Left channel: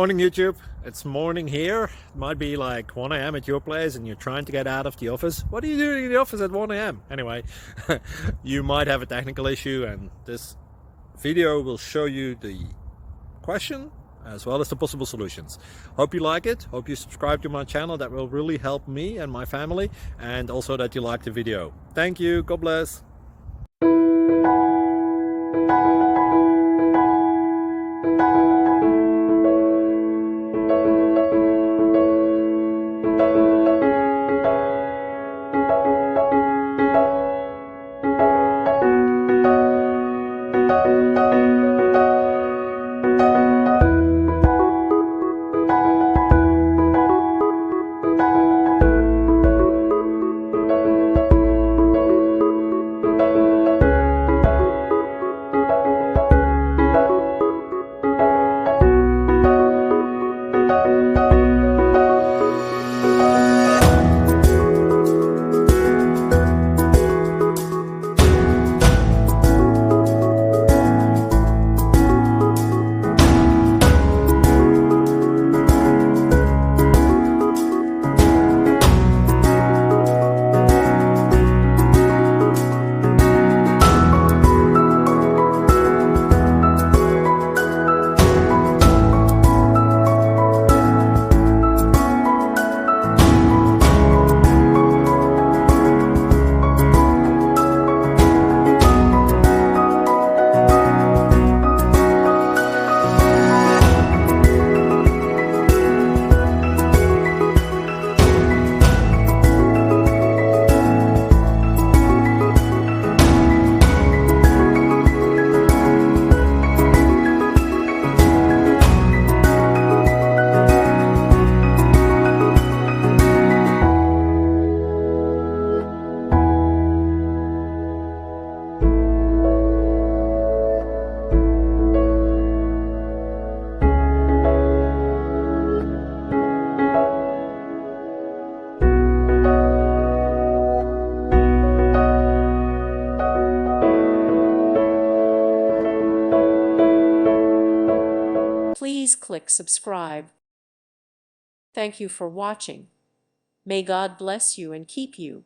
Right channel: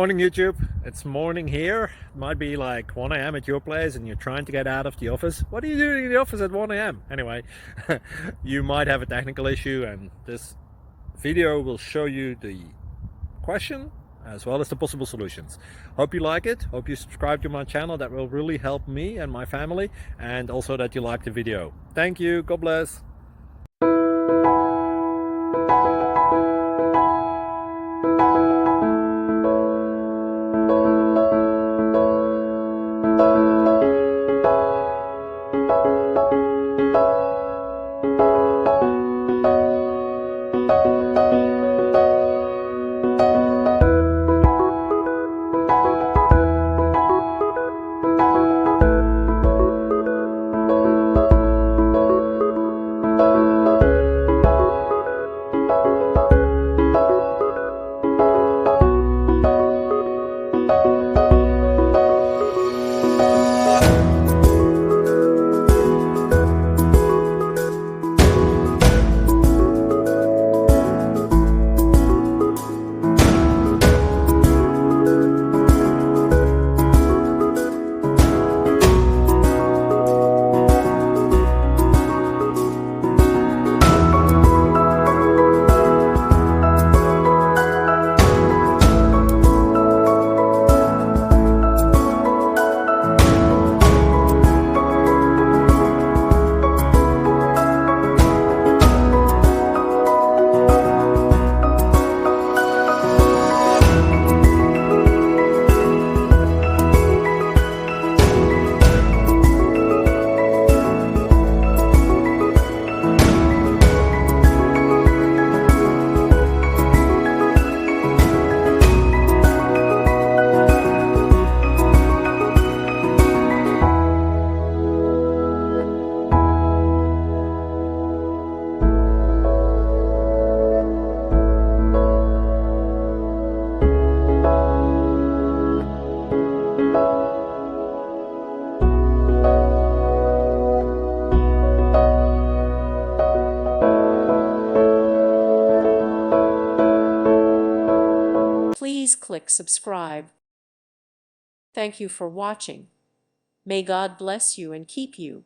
Morning YouTube, it's morning here. It might be like 1 a.m. at your place and you're trying to get out of the office. What are you doing in the office at 1 a.m.? Anyway, you might have a technical issue and this video will show you the question as well as the possible solutions. Hope you like it, hope you subscribe to my channel. That will really help me and my family, and also that you like the video. Thank you, God bless. Please click subscribe. Thank you for watching. May God bless you and keep you.